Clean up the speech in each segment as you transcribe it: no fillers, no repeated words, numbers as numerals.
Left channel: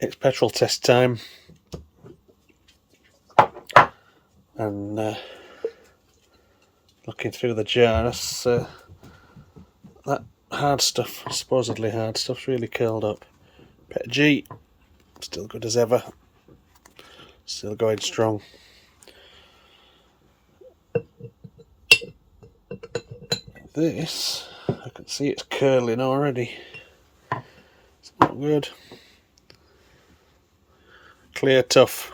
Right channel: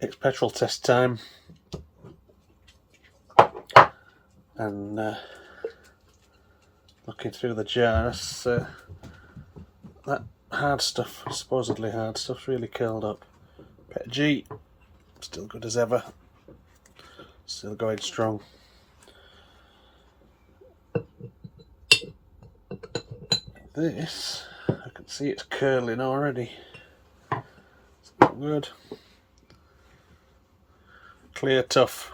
It's petrol test time, and looking through the jar, that hard stuff, supposedly hard stuff's really curled up. PETG, still good as ever, still going strong. This, I can see it's curling already. It's not good. Clear tough.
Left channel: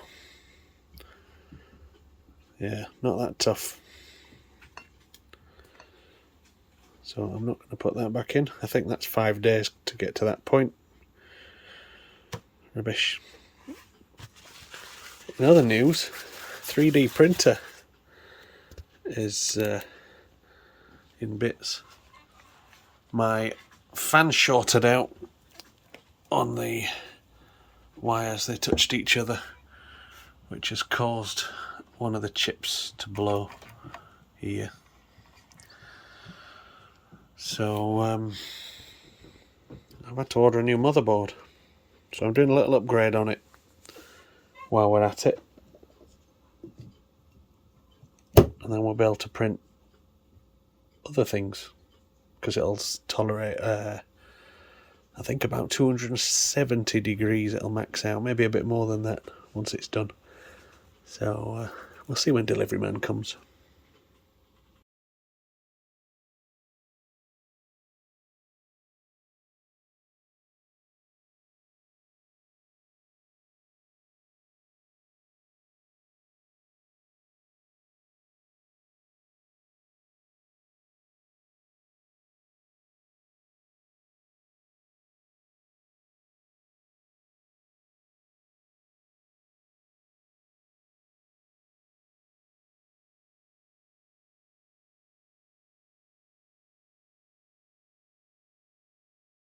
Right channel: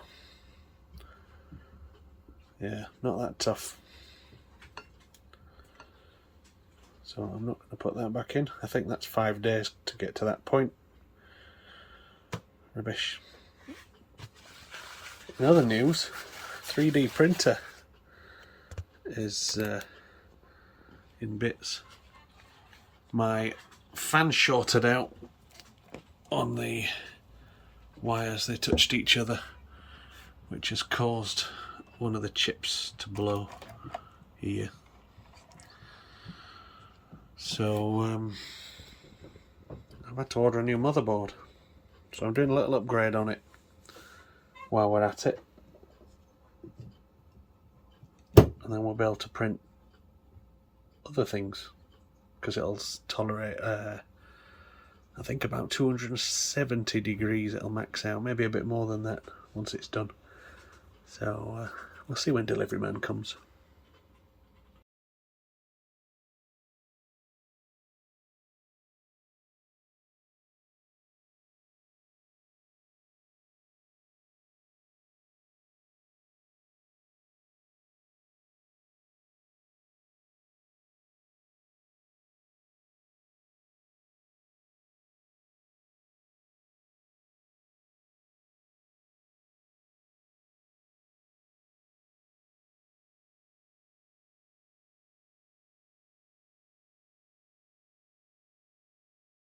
Yeah, not that tough. So I'm not going to put that back in. I think that's 5 days to get to that point. Rubbish. In other news, 3D printer is in bits. My fan shorted out on the wires, they touched each other, which has caused one of the chips to blow here. So I've had to order a new motherboard, so I'm doing a little upgrade on it while we're at it, and then we'll be able to print other things, because it'll tolerate I think about 270 degrees it'll max out, maybe a bit more than that once it's done. So we'll see when delivery man comes.